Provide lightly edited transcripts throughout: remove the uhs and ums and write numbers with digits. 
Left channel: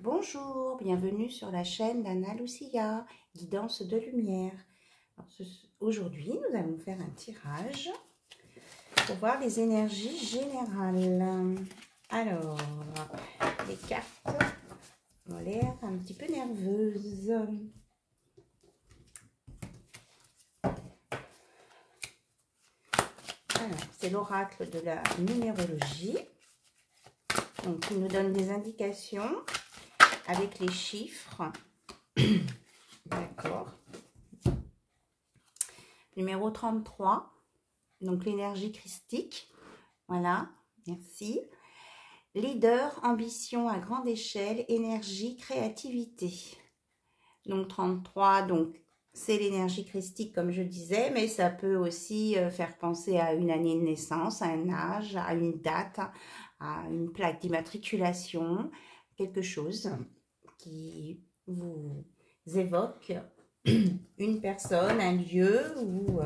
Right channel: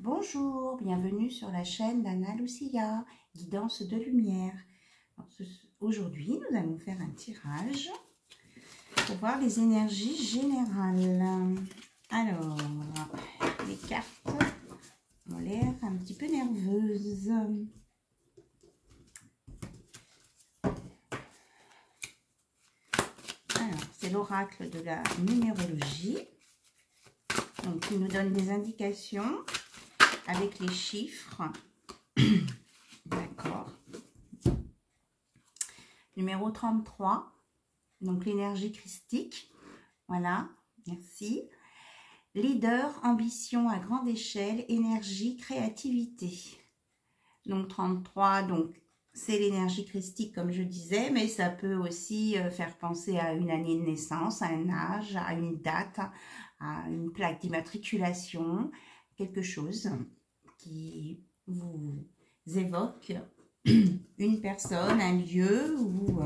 Bonjour, bienvenue sur la chaîne d'Anna Lucia, guidance de lumière. Aujourd'hui, nous allons faire un tirage pour voir les énergies générales. Alors, les cartes ont l'air un petit peu nerveuses. Alors, c'est l'oracle de la numérologie. Donc, il nous donne des indications avec les chiffres. D'accord. Numéro 33. Donc, l'énergie christique. Voilà, merci. Leader, ambition à grande échelle, énergie, créativité. Donc, 33, donc c'est l'énergie christique, comme je disais, mais ça peut aussi faire penser à une année de naissance, à un âge, à une date, à une plaque d'immatriculation, quelque chose qui vous évoque une personne, un lieu ou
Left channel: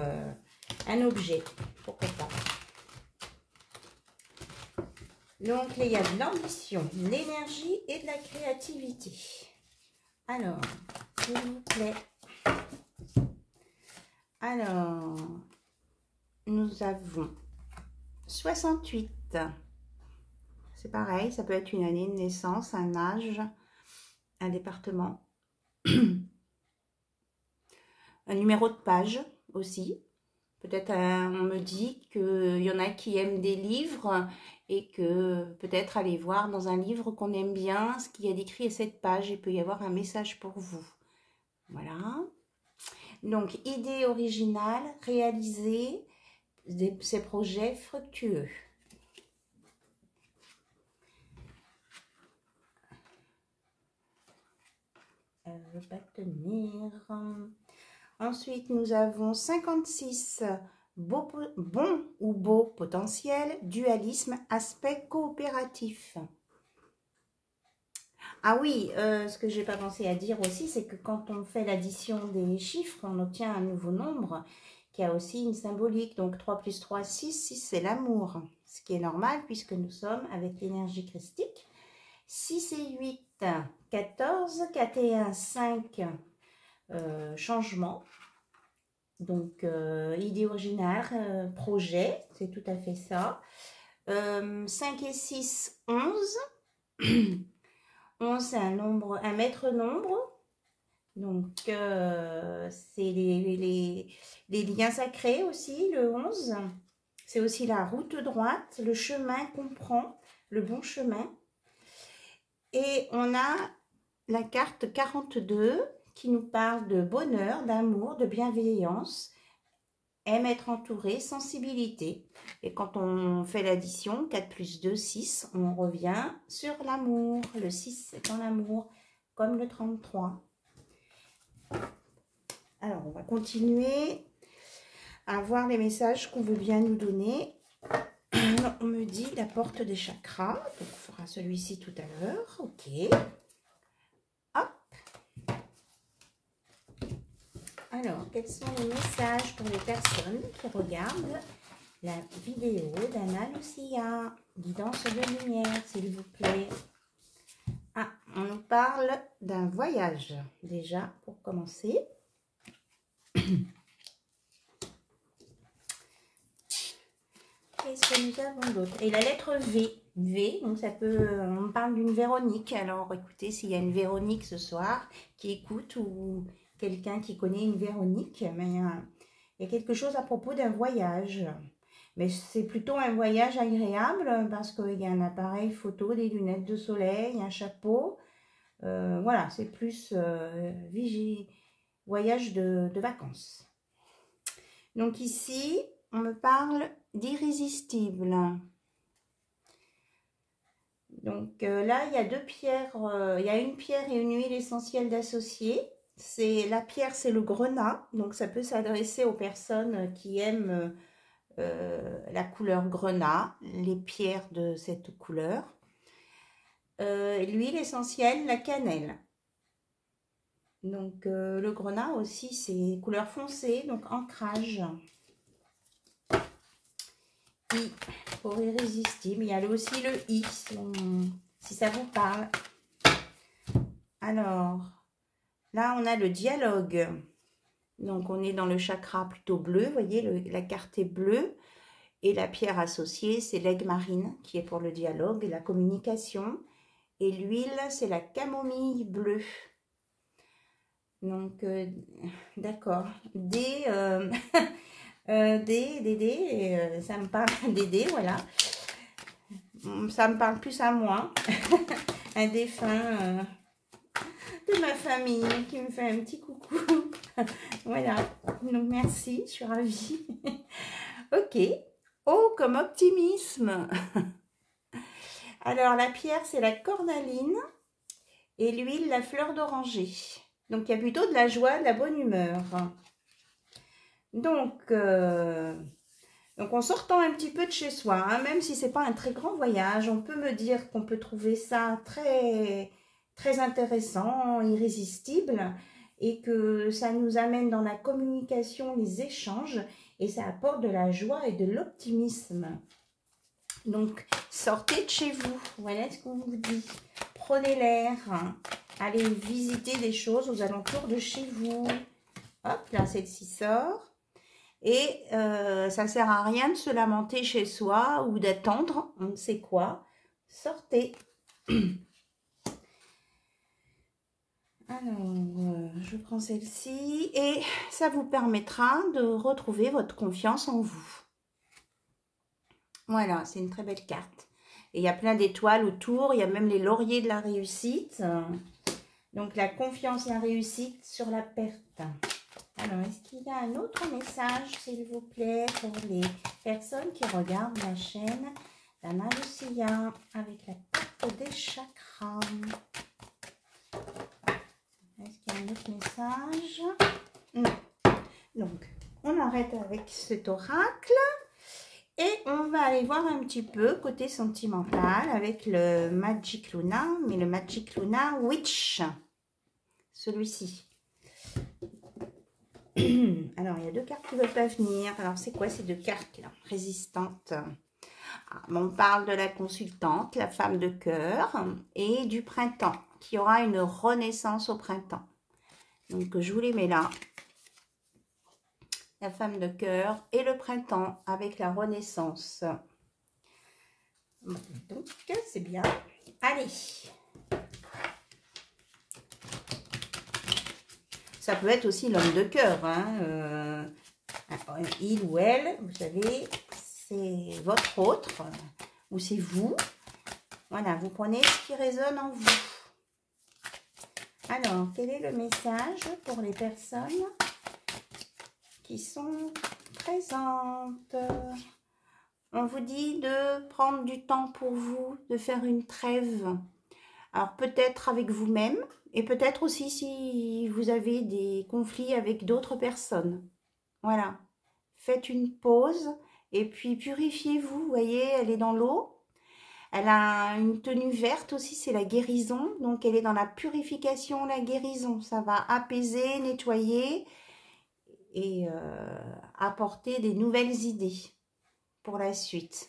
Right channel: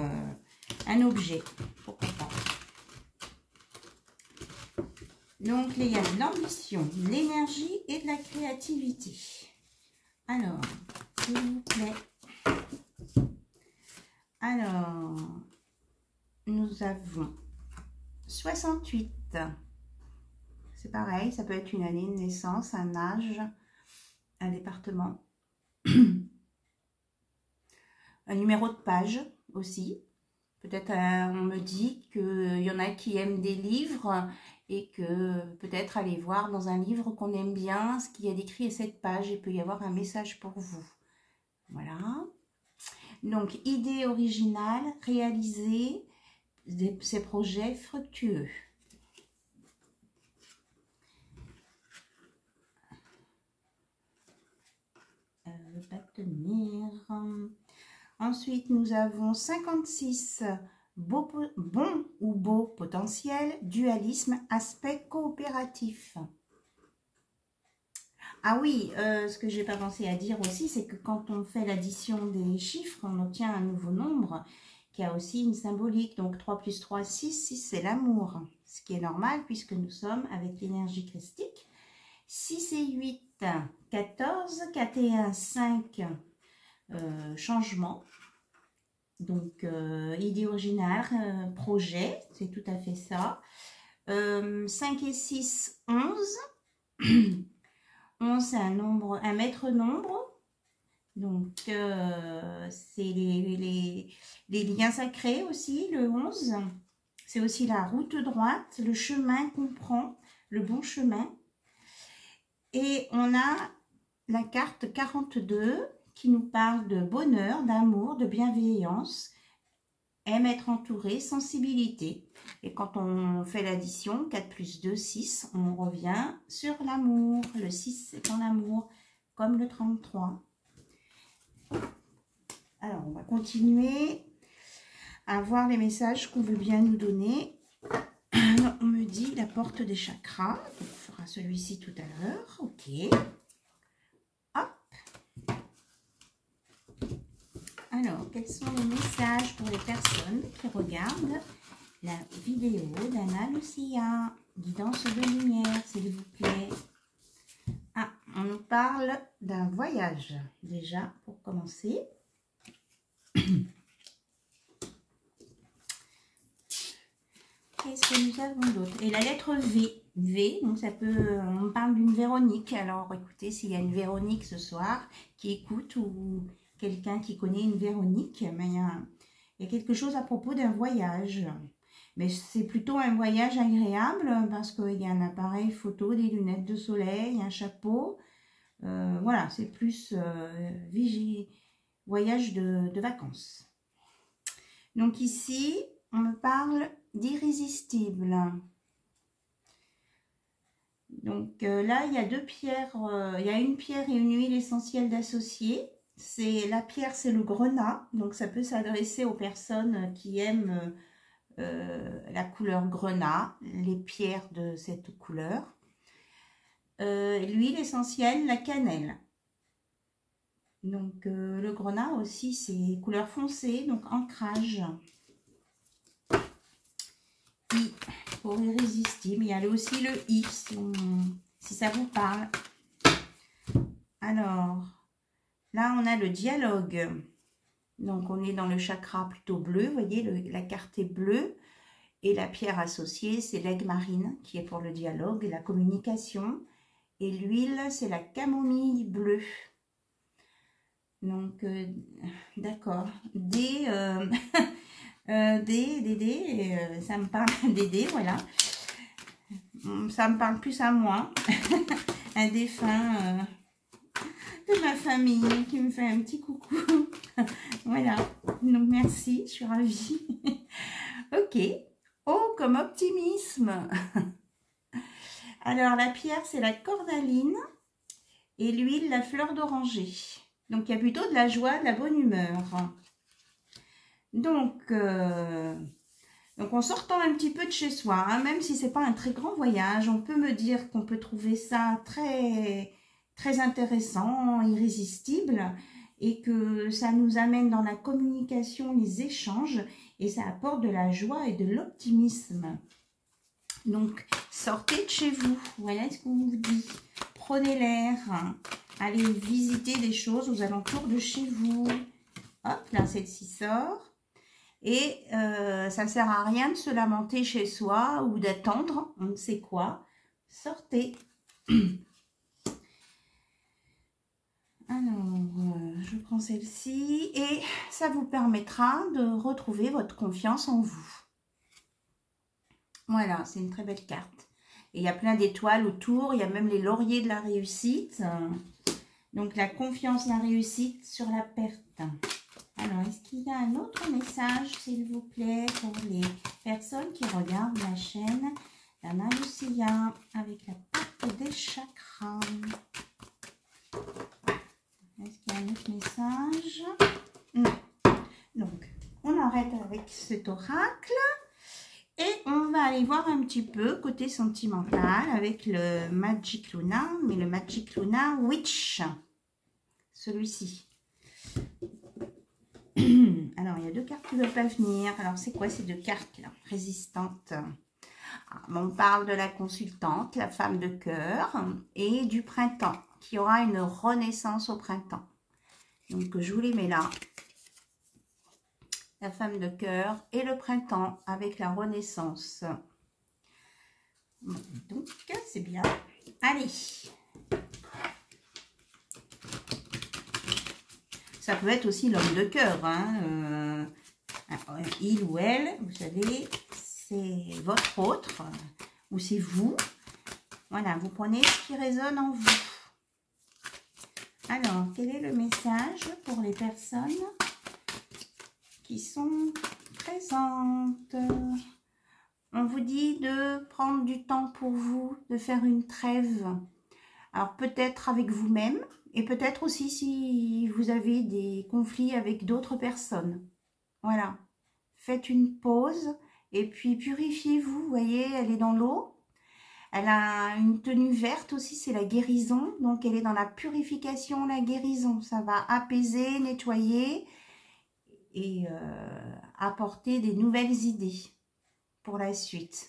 un objet, pourquoi pas. Donc, il y a de l'ambition, de l'énergie et de la créativité. Alors, s'il vous plaît. Alors, nous avons 68. C'est pareil, ça peut être une année de naissance, un âge, un département. Un numéro de page aussi. Peut-être on me dit qu'il y en a qui aiment des livres et que peut-être aller voir dans un livre qu'on aime bien ce qu'il y a décrit à cette page. Il peut y avoir un message pour vous. Voilà. Donc, idée originale, réaliser ces projets fructueux. Pas tenir. Ensuite, nous avons 56. Bon ou beau potentiel, dualisme, aspect coopératif. Ah oui, ce que je n'ai pas pensé à dire aussi, c'est que quand on fait l'addition des chiffres, on obtient un nouveau nombre qui a aussi une symbolique. Donc 3 plus 3, 6, 6 c'est l'amour. Ce qui est normal puisque nous sommes avec l'énergie christique. 6 et 8, 14, 4 et 1, 5, changement. Donc, idée originale, projet, c'est tout à fait ça. 5 et 6, 11. 11, c'est un maître nombre. Donc, c'est les liens sacrés aussi, le 11. C'est aussi la route droite, le chemin qu'on prend, le bon chemin. Et on a la carte 42 qui nous parle de bonheur, d'amour, de bienveillance, aime être entouré, sensibilité. Et quand on fait l'addition, 4 plus 2, 6, on revient sur l'amour. Le 6, c'est en l'amour, comme le 33. Alors, on va continuer à voir les messages qu'on veut bien nous donner. On me dit la porte des chakras. Donc, on fera celui-ci tout à l'heure. Ok. Alors, quels sont les messages pour les personnes qui regardent la vidéo d'Anna Lucia, guidance de lumière, s'il vous plaît? Ah, on nous parle d'un voyage, déjà, pour commencer. Qu'est-ce que nous avons d'autre? Et la lettre V. V, donc ça peut... On parle d'une Véronique. Alors, écoutez, s'il y a une Véronique ce soir qui écoute ou... quelqu'un qui connaît une Véronique, mais il y a quelque chose à propos d'un voyage. Mais c'est plutôt un voyage agréable parce qu'il y a un appareil photo, des lunettes de soleil, un chapeau. Voilà, c'est plus voyage de vacances. Donc ici, on me parle d'irrésistible. Donc là, il y a deux pierres, il y a une pierre et une huile essentielle d'associer. La pierre, c'est le grenat, donc ça peut s'adresser aux personnes qui aiment la couleur grenat, les pierres de cette couleur. L'huile essentielle, la cannelle. Donc le grenat aussi, c'est couleur foncée, donc ancrage. I pour irrésistible, il y a aussi le I, si ça vous parle. Alors, là, on a le dialogue. Donc, on est dans le chakra plutôt bleu. Vous voyez, la carte est bleue. Et la pierre associée, c'est l'aigle marine, qui est pour le dialogue et la communication. Et l'huile, c'est la camomille bleue. Donc, d'accord. D, ça me parle d'aider, voilà. Ça me parle plus à moi. Un défunt de ma famille qui me fait un petit coucou. Voilà. Donc, merci, je suis ravie. Ok. Oh, comme optimisme. Alors, la pierre, c'est la cornaline et l'huile, la fleur d'oranger. Donc, il y a plutôt de la joie, de la bonne humeur. Donc en sortant un petit peu de chez soi, hein, même si ce n'est pas un très grand voyage, on peut me dire qu'on peut trouver ça très, très intéressant, irrésistible, et que ça nous amène dans la communication, les échanges, et ça apporte de la joie et de l'optimisme. Donc, sortez de chez vous, voilà ce qu'on vous dit. Prenez l'air, allez visiter des choses aux alentours de chez vous. Hop, là, celle-ci sort. Et ça ne sert à rien de se lamenter chez soi ou d'attendre, on ne sait quoi. Sortez. Alors, je prends celle-ci et ça vous permettra de retrouver votre confiance en vous. Voilà, c'est une très belle carte. Et il y a plein d'étoiles autour, il y a même les lauriers de la réussite. Donc, la confiance, la réussite sur la perte. Alors, est-ce qu'il y a un autre message, s'il vous plaît, pour les personnes qui regardent la chaîne d'Anna Lucia avec la carte des chakras? Est-ce qu'il y a un autre message? Non. Donc, on arrête avec cet oracle et on va aller voir un petit peu côté sentimental avec le Magic Luna, mais le Magic Luna Witch, celui-ci. Alors, il y a deux cartes qui ne veulent pas venir. Alors, c'est quoi ces deux cartes-là? Résistantes. On parle de la consultante, la femme de cœur, et du printemps, qui aura une renaissance au printemps. Donc, je vous les mets là. La femme de cœur et le printemps avec la renaissance. Donc, c'est bien. Allez. Ça peut être aussi l'homme de cœur. Hein. Il ou elle, vous savez, c'est votre autre ou c'est vous. Voilà, vous prenez ce qui résonne en vous. Alors, quel est le message pour les personnes qui sont présentes? On vous dit de prendre du temps pour vous, de faire une trêve. Alors, peut-être avec vous-même. Et peut-être aussi si vous avez des conflits avec d'autres personnes. Voilà. Faites une pause et puis purifiez-vous. Vous voyez, elle est dans l'eau. Elle a une tenue verte aussi, c'est la guérison. Donc, elle est dans la purification, la guérison. Ça va apaiser, nettoyer et apporter des nouvelles idées pour la suite.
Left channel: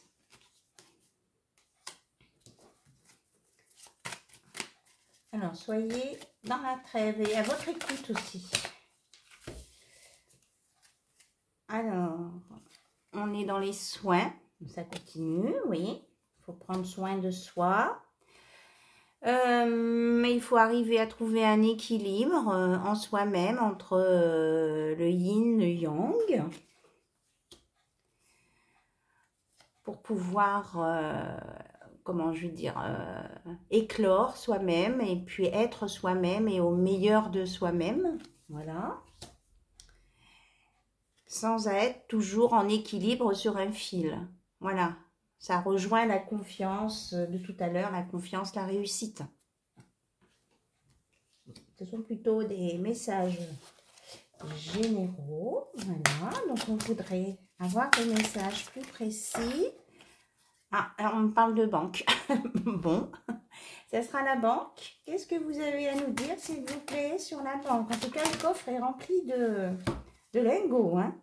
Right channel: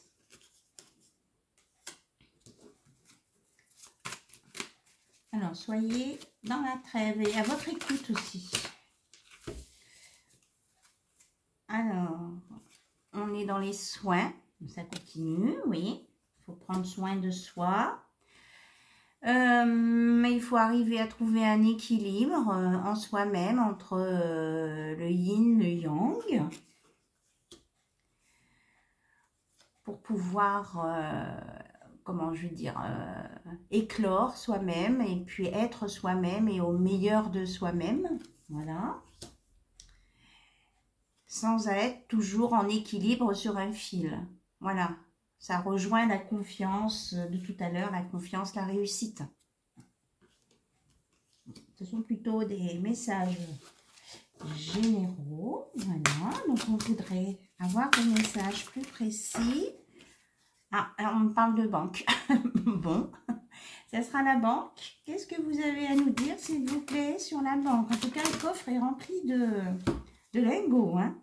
Alors, soyez dans la trêve et à votre écoute aussi. Alors, on est dans les soins. Ça continue, oui. Il faut prendre soin de soi. Mais il faut arriver à trouver un équilibre en soi-même entre le yin, le yang. Pour pouvoir... comment je veux dire, éclore soi-même et puis être soi-même et au meilleur de soi-même, voilà, sans être toujours en équilibre sur un fil, voilà, ça rejoint la confiance de tout à l'heure, la confiance, la réussite. Ce sont plutôt des messages généraux, voilà, donc on voudrait avoir des messages plus précis. Ah, alors on me parle de banque. Bon, ça sera la banque. Qu'est-ce que vous avez à nous dire, s'il vous plaît, sur la banque? En tout cas, le coffre est rempli de lingots. Hein.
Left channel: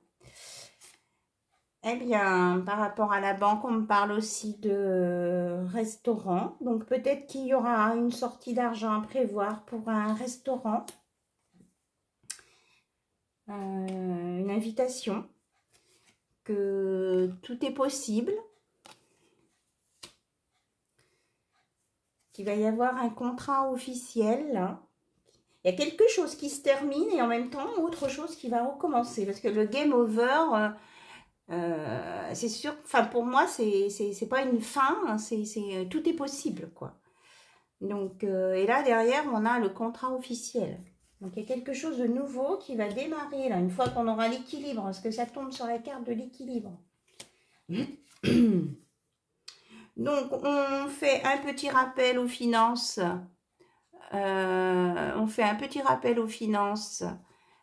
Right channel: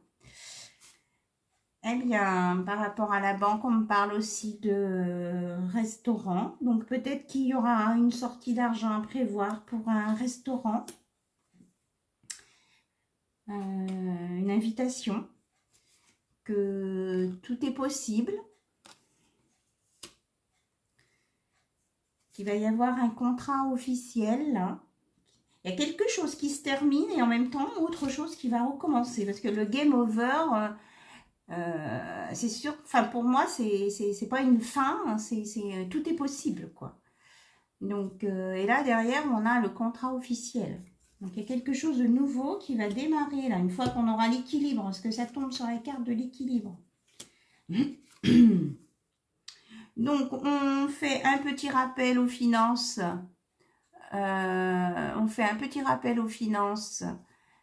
Eh bien, par rapport à la banque, on me parle aussi de restaurant. Donc, peut-être qu'il y aura une sortie d'argent à prévoir pour un restaurant. Une invitation. Que tout est possible. Qu'il va y avoir un contrat officiel, là. Il y a quelque chose qui se termine et en même temps, autre chose qui va recommencer. Parce que le game over... c'est sûr, enfin pour moi, c'est pas une fin, hein, tout est possible, quoi. Donc, et là, derrière, on a le contrat officiel. Donc, il y a quelque chose de nouveau qui va démarrer, là, une fois qu'on aura l'équilibre, parce que ça tombe sur la carte de l'équilibre. Donc, on fait un petit rappel aux finances. On fait un petit rappel aux finances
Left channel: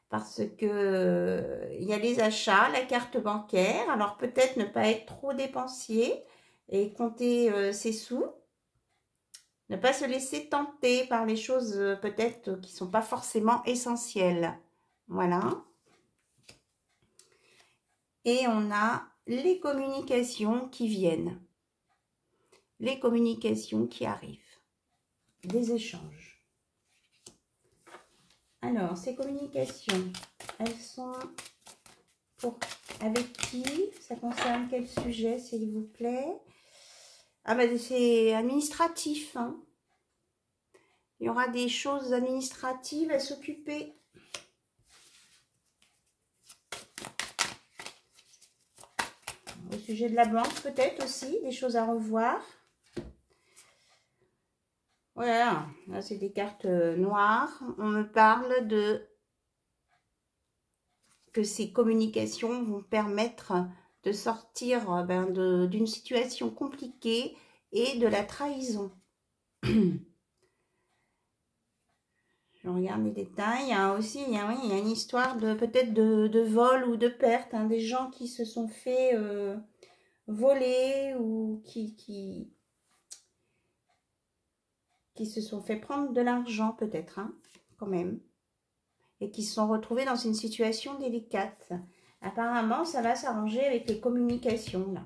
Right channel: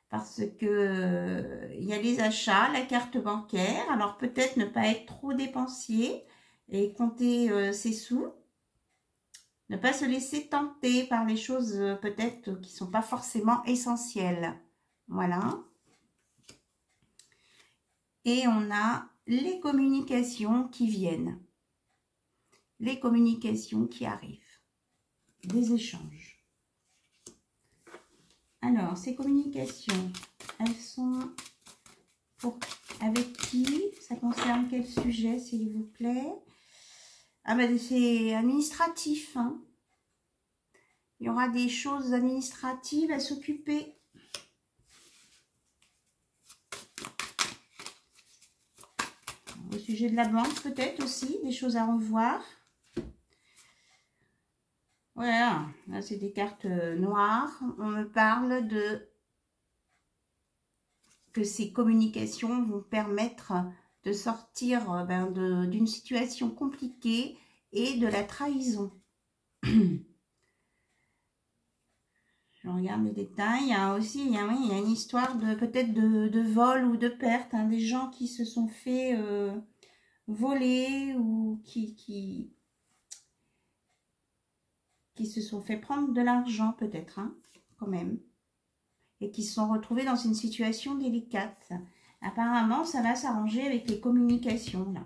parce que il y a les achats, la carte bancaire, alors peut-être ne pas être trop dépensier et compter ses sous, ne pas se laisser tenter par les choses peut-être qui ne sont pas forcément essentielles. Voilà. Et on a les communications qui viennent, les communications qui arrivent, des échanges. Alors, ces communications, elles sont avec qui? Ça concerne quel sujet, s'il vous plaît? Ah ben, c'est administratif. Hein. Il y aura des choses administratives à s'occuper. Au sujet de la banque, peut-être aussi, des choses à revoir. Voilà, là c'est des cartes noires. On me parle de que ces communications vont permettre de sortir d'une situation compliquée et de la trahison. Je regarde les détails. Il y a aussi il y a une histoire de peut-être de vol ou de perte. Hein, des gens qui se sont fait voler ou qui se sont fait prendre de l'argent peut-être, hein, quand même. Et qui se sont retrouvés dans une situation délicate. Apparemment, ça va s'arranger avec les communications, là.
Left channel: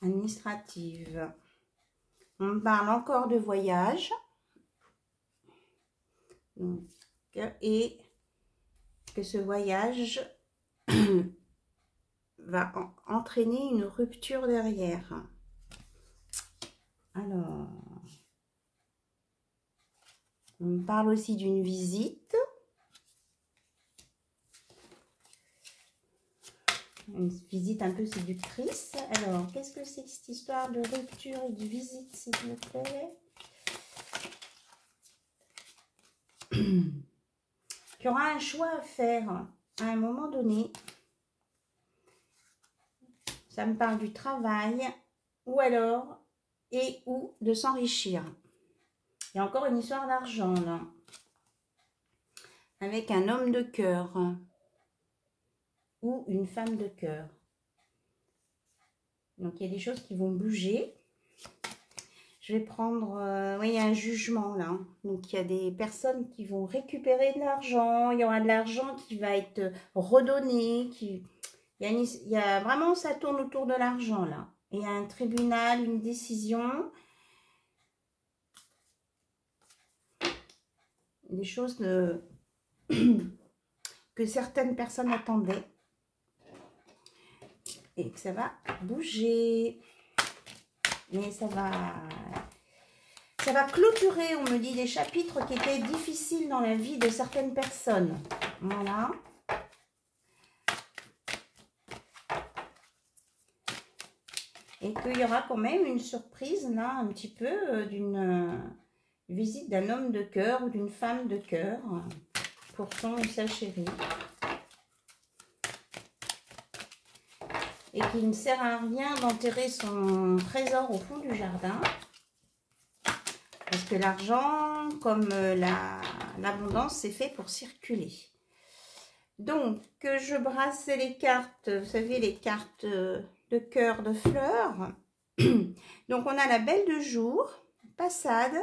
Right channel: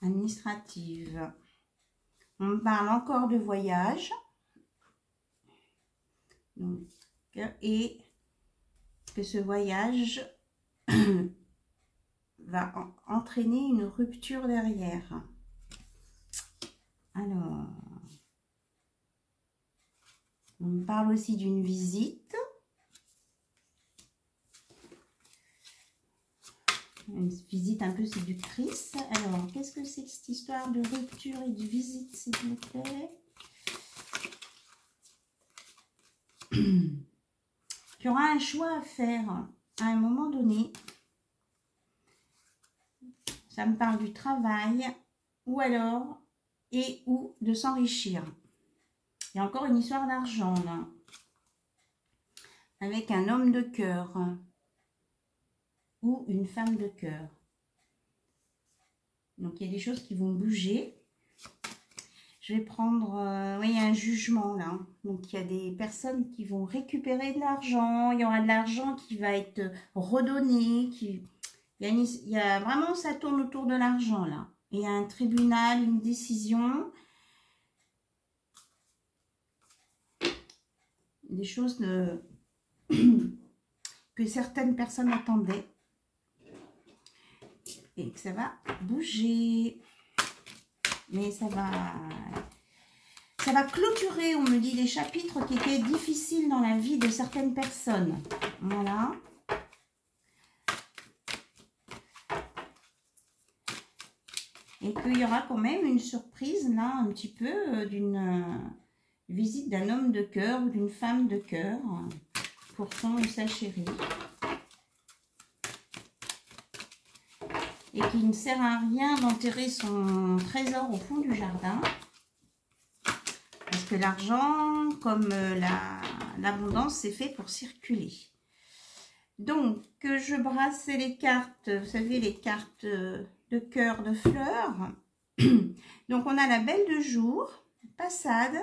Administrative. On me parle encore de voyage. Donc, et que ce voyage va entraîner une rupture derrière. Alors, on me parle aussi d'une visite. Une visite un peu séductrice. Alors, qu'est-ce que c'est que cette histoire de rupture et de visite, s'il vous plaît? Il y aura un choix à faire à un moment donné. Ça me parle du travail ou alors et ou de s'enrichir. Il y a encore une histoire d'argent là. Avec un homme de cœur ou une femme de cœur. Donc, il y a des choses qui vont bouger. Je vais prendre... oui, il y a un jugement là. Donc, il y a des personnes qui vont récupérer de l'argent. Il y aura de l'argent qui va être redonné. Il y a vraiment, ça tourne autour de l'argent là. Il y a un tribunal, une décision. Des choses que certaines personnes attendaient. Et que ça va bouger. Mais ça va clôturer, on me dit, des chapitres qui étaient difficiles dans la vie de certaines personnes. Voilà. Et qu'il y aura quand même une surprise, là, un petit peu, d'une visite d'un homme de cœur ou d'une femme de cœur pour son ou sa chérie. Et qu'il ne sert à rien d'enterrer son trésor au fond du jardin. Parce que l'argent, comme l'abondance, c'est fait pour circuler. Donc, je brasse les cartes, vous savez, les cartes de cœur, de fleurs. Donc, on a la belle de jour, passade.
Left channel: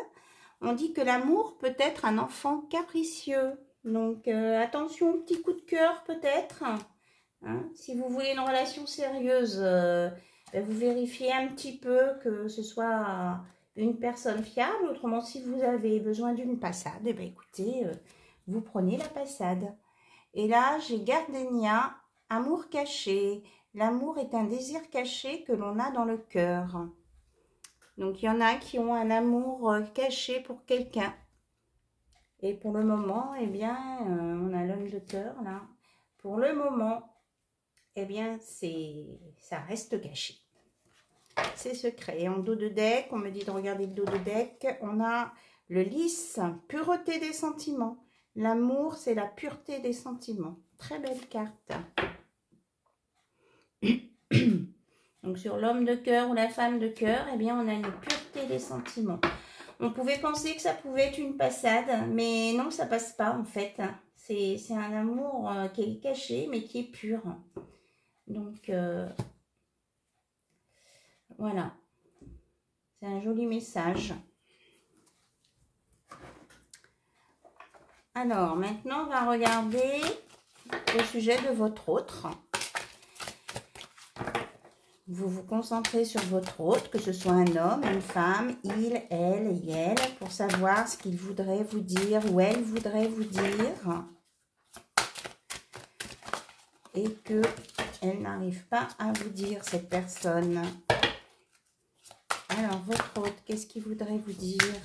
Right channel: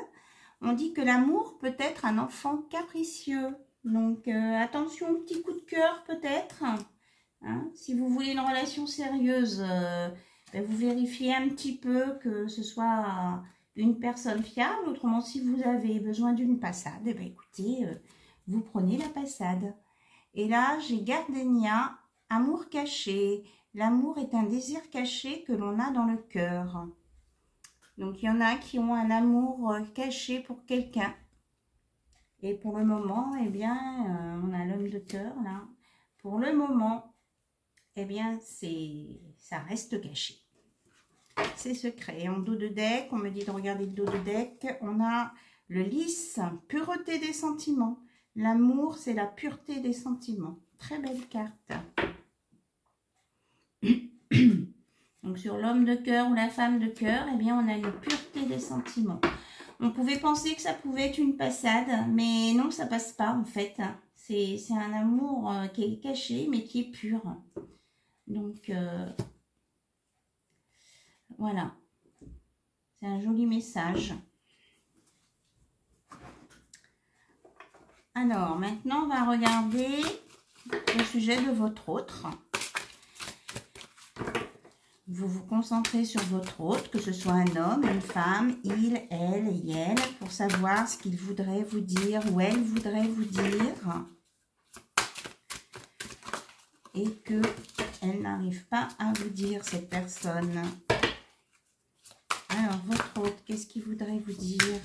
On dit que l'amour peut être un enfant capricieux. Donc, attention au petit coup de cœur peut-être. Hein. Si vous voulez une relation sérieuse, ben, vous vérifiez un petit peu que ce soit une personne fiable. Autrement, si vous avez besoin d'une passade, eh bien, écoutez, vous prenez la passade. Et là, j'ai Gardenia, amour caché. L'amour est un désir caché que l'on a dans le cœur. Donc, il y en a qui ont un amour caché pour quelqu'un. Et pour le moment, eh bien, on a l'homme de cœur, là. Pour le moment, eh bien, ça reste caché. C'est secret. Et en dos de deck, on me dit de regarder le dos de deck, on a le lys, pureté des sentiments. L'amour, c'est la pureté des sentiments. Très belle carte. Donc, sur l'homme de cœur ou la femme de cœur, eh bien, on a une pureté des sentiments. On pouvait penser que ça pouvait être une passade, mais non, ça passe pas, en fait. C'est un amour qui est caché, mais qui est pur. Donc, voilà. C'est un joli message. Alors, maintenant, on va regarder au sujet de votre autre. Vous vous concentrez sur votre autre, que ce soit un homme, une femme, il, elle et elle, pour savoir ce qu'il voudrait vous dire ou elle voudrait vous dire. Et qu'elle n'arrive pas à vous dire, cette personne. Alors, votre autre, qu'est-ce qu'il voudrait vous dire?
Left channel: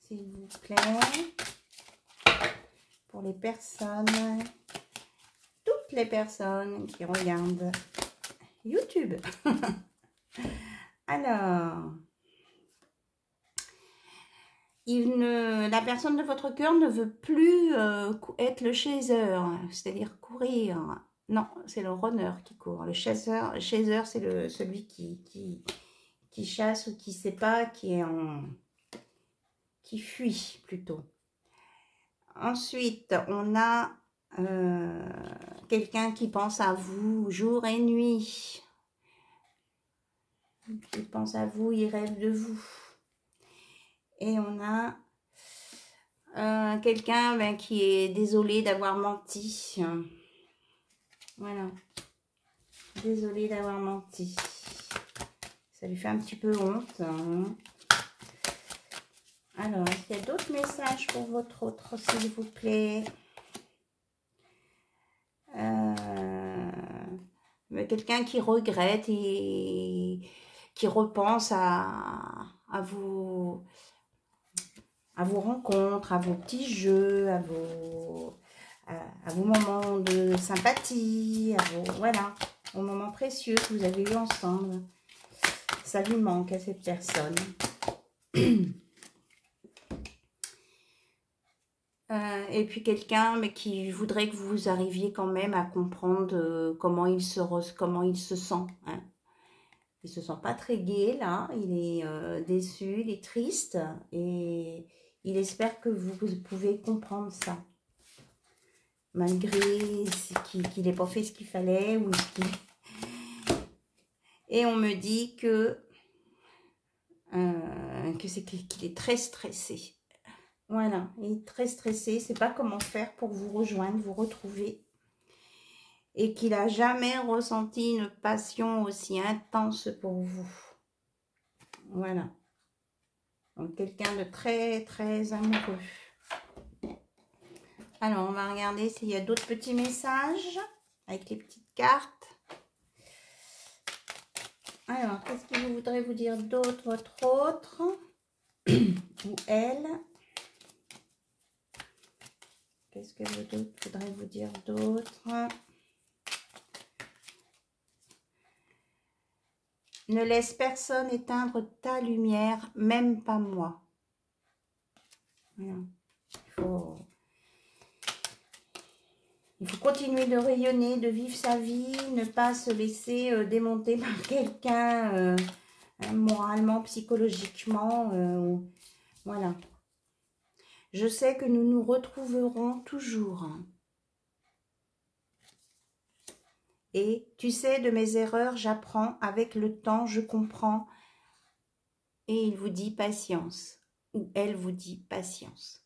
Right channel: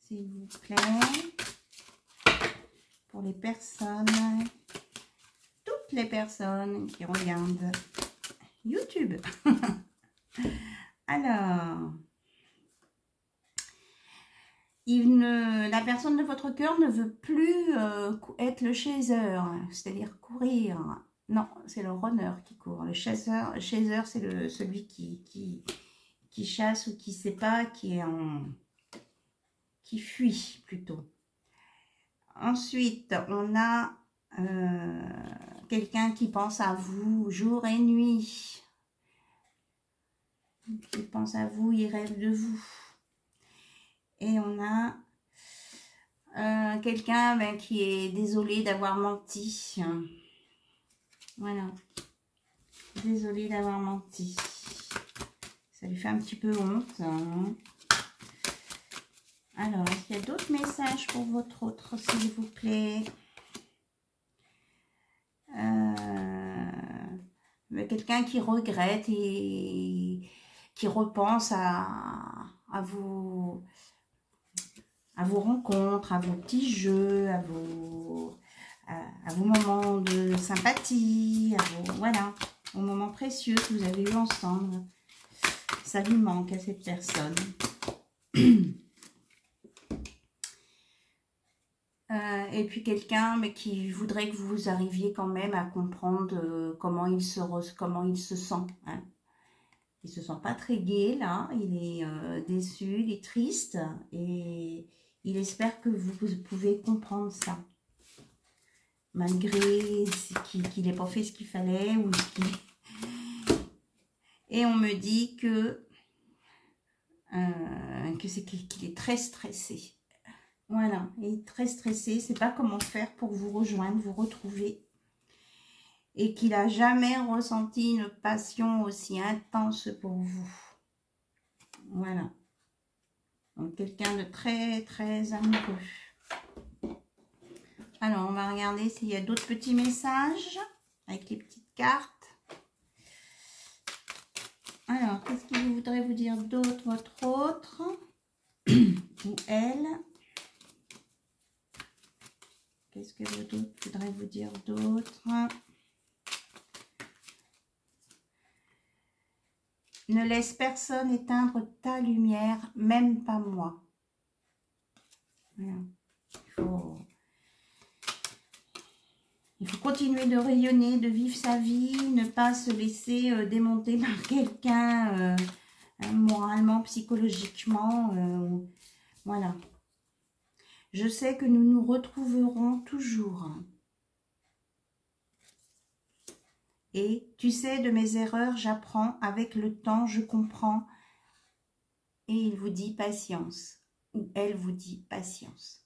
S'il vous plaît. Pour les personnes, toutes les personnes qui regardent YouTube. Alors, la personne de votre cœur ne veut plus être le chaser, c'est-à-dire courir. Non, c'est le runner qui court. Le chaser c'est celui qui chasse ou qui ne sait pas, qui fuit plutôt. Ensuite, on a quelqu'un qui pense à vous jour et nuit. Il pense à vous, il rêve de vous. Et on a quelqu'un qui est désolé d'avoir menti. Voilà. Désolé d'avoir menti. Ça lui fait un petit peu honte. Hein. Alors, est-ce qu'il y a d'autres messages pour votre autre, s'il vous plaît? Quelqu'un qui regrette et qui repense à vos rencontres, à vos petits jeux, à vos moments de sympathie, voilà, aux moments précieux que vous avez eu ensemble. Ça lui manque à cette personne. Et puis quelqu'un qui voudrait que vous arriviez quand même à comprendre comment il se sent. Hein. Il ne se sent pas très gai là, il est déçu, il est triste et il espère que vous pouvez comprendre ça. Malgré qu'il n'ait pas fait ce qu'il fallait. Et on me dit qu'il est très stressé. Voilà, il est très stressé, il ne sait pas comment faire pour vous rejoindre, vous retrouver. Et qu'il n'a jamais ressenti une passion aussi intense pour vous. Voilà. Donc, quelqu'un de très, très amoureux. Alors, on va regarder s'il y a d'autres petits messages avec les petites cartes. Alors, qu'est-ce qu'il voudrait vous dire d'autre, votre autre ou elle? Qu'est-ce que voudrait vous dire d'autre? Ne laisse personne éteindre ta lumière, même pas moi. Voilà. Il faut continuer de rayonner, de vivre sa vie, ne pas se laisser démonter par quelqu'un moralement, psychologiquement. Voilà. Je sais que nous nous retrouverons toujours. Et tu sais, de mes erreurs, j'apprends. Avec le temps, je comprends. Et il vous dit patience. Ou elle vous dit patience.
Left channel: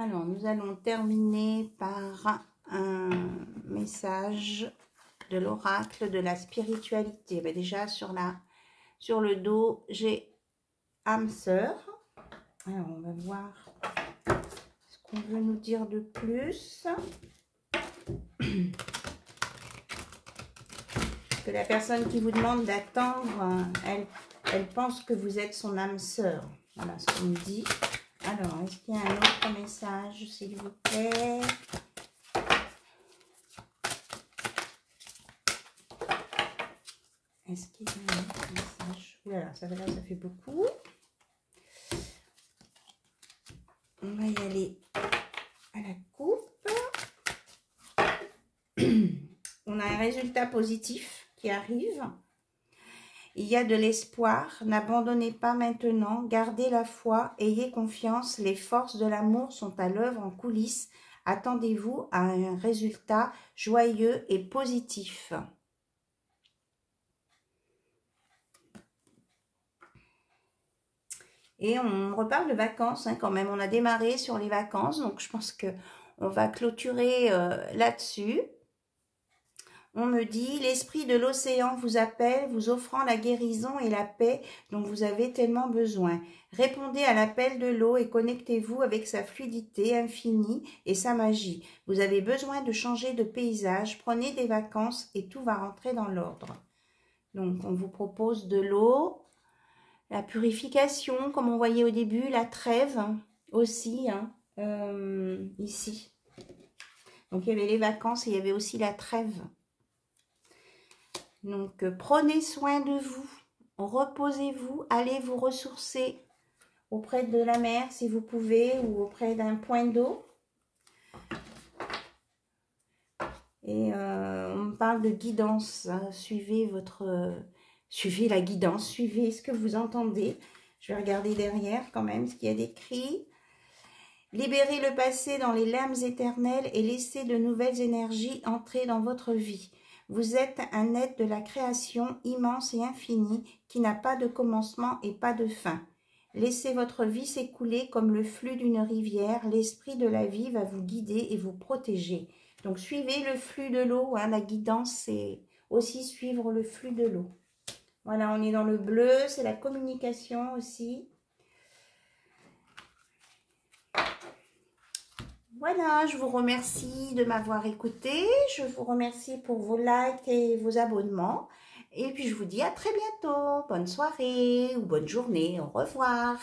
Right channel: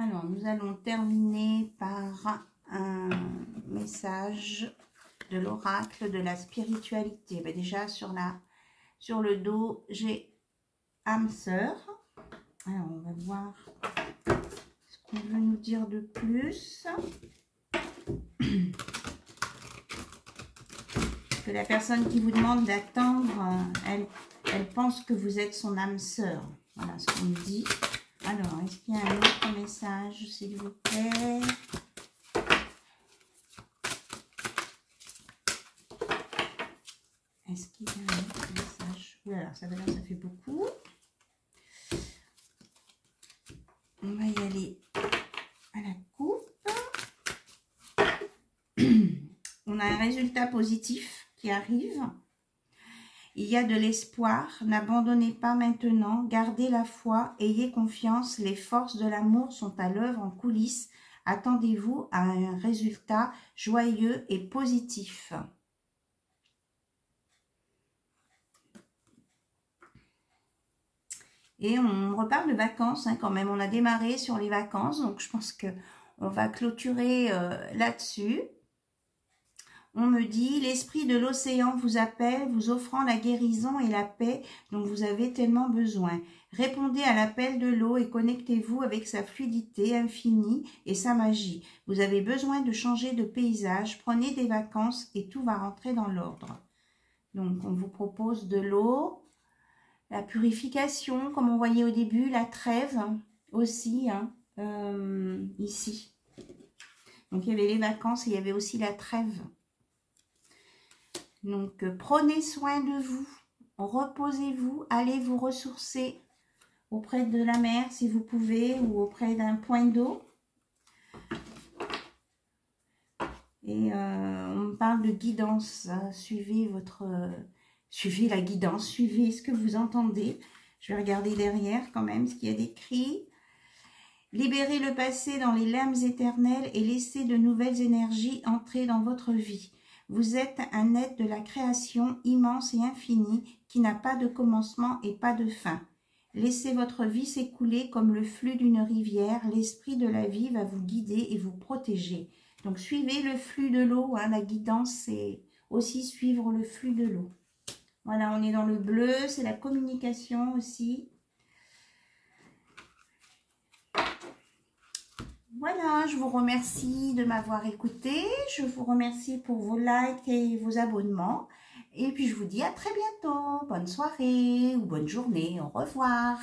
Alors, nous allons terminer par un message de l'oracle de la spiritualité. Ben déjà, sur le dos, j'ai âme sœur. Alors, on va voir ce qu'on veut nous dire de plus. Que la personne qui vous demande d'attendre, elle pense que vous êtes son âme sœur. Voilà ce qu'on me dit. Alors, est-ce qu'il y a un autre message, s'il vous plaît? Est-ce qu'il y a un autre message? Voilà, ça fait beaucoup. On va y aller à la coupe. On a un résultat positif qui arrive. Il y a de l'espoir, n'abandonnez pas maintenant, gardez la foi, ayez confiance, les forces de l'amour sont à l'œuvre en coulisses. Attendez-vous à un résultat joyeux et positif. Et on reparle de vacances hein, quand même, on a démarré sur les vacances, donc je pense qu'on va clôturer là-dessus. On me dit, l'esprit de l'océan vous appelle, vous offrant la guérison et la paix dont vous avez tellement besoin. Répondez à l'appel de l'eau et connectez-vous avec sa fluidité infinie et sa magie. Vous avez besoin de changer de paysage, prenez des vacances et tout va rentrer dans l'ordre. Donc, on vous propose de l'eau, la purification, comme on voyait au début, la trêve aussi, hein, ici. Donc, il y avait les vacances et il y avait aussi la trêve. Donc, prenez soin de vous, reposez-vous, allez vous ressourcer auprès de la mer si vous pouvez ou auprès d'un point d'eau. Et on me parle de guidance, hein. Suivez la guidance, suivez ce que vous entendez. Je vais regarder derrière quand même ce qu'il y a d'écrit. Libérez le passé dans les lames éternelles et laissez de nouvelles énergies entrer dans votre vie. Vous êtes un être de la création immense et infinie qui n'a pas de commencement et pas de fin. Laissez votre vie s'écouler comme le flux d'une rivière. L'esprit de la vie va vous guider et vous protéger. Donc, suivez le flux de l'eau. Hein, la guidance, c'est aussi suivre le flux de l'eau. Voilà, on est dans le bleu. C'est la communication aussi. Voilà, je vous remercie de m'avoir écouté. Je vous remercie pour vos likes et vos abonnements. Et puis, je vous dis à très bientôt. Bonne soirée ou bonne journée. Au revoir.